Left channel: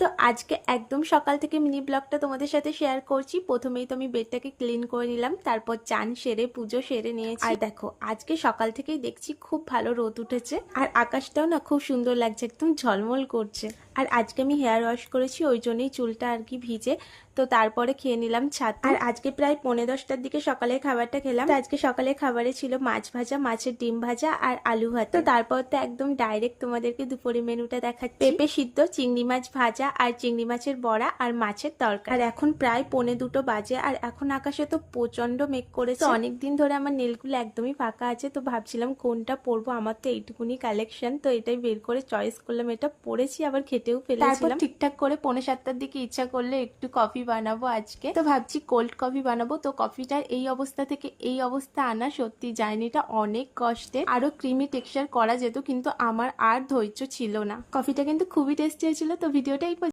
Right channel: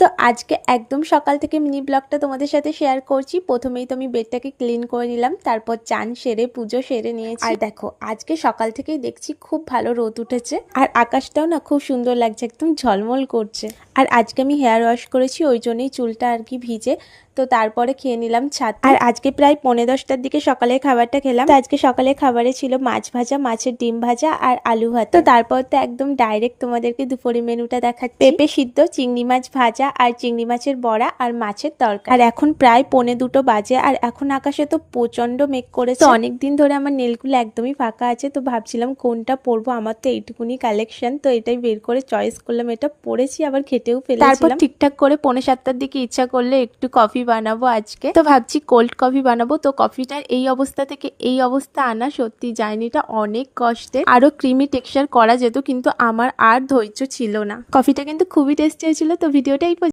তো আজকে একদম সকাল থেকে মিনি ব্লগটা তোমাদের সাথে শেয়ার করছি। প্রথমেই তো আমি বেডটাকে ক্লিন করে নিলাম, তারপর চান সেরে পুজো সেরে নিয়েছি। আর দেখো আজকে সকাল থেকেই দেখছি খুব ভালো রোদ উঠেছে, আর আকাশটাও না খুব সুন্দর লাগছে, একদম ঝলমল করছে। আর আজকে আমি হেয়ার ওয়াশ করেছি, ওই জন্যই চুলটা আর কি ভিজে। তো তারপরে খেয়ে নিলাম ছাতু। আর আজকে প্রায় 10:30টার দিকে সকালের খাবারটা খেলাম। তো আজকে সকালের খাবারে ছিল মাছ ভাজা, মাছের ডিম ভাজা আর আলু ভাত। তো তারপর তো একদম ডাইরেক্ট তোমাদেরকে দুপুরের মেনুটা দেখাচ্ছি। পেঁপে সিদ্ধ, চিংড়ি মাছ ভাজা আর চিংড়ি মাছের বড়া আর মাছের তরকারি। আর এখন প্রায় 1:45 বাজে, আর এখন আকাশে তো প্রচন্ড মেঘ করেছে। তো অনেকদিন ধরে আমার নেলগুলো একদমই ফাঁকা আছে, তো ভাবছিলাম কোনটা পরবো। আমার তো এইটুকুনি কালেকশন, তো এটাই বের করে চয়েস করলাম। এটা পরেছি, আবার খেটেও ফেলেছিলাম। তারপর ঠিকঠাক করে 6:45টার দিকে ইচ্ছা করলে একটু কফি বানাবো আজকে। তো ভাবছি কোল্ড কফি বানাবো। তো কফিটার এই অবস্থা থেকে এই অবস্থা আনা সত্যি জার্নিটা অনেক কষ্টের। আরো ক্রিমি টেক্সচার করা যেত, কিন্তু আমার আর ধৈর্য ছিল না। কফিটা কিন্তু খুবই টেস্টি হয়েছিল। তো ভিডিওটা এই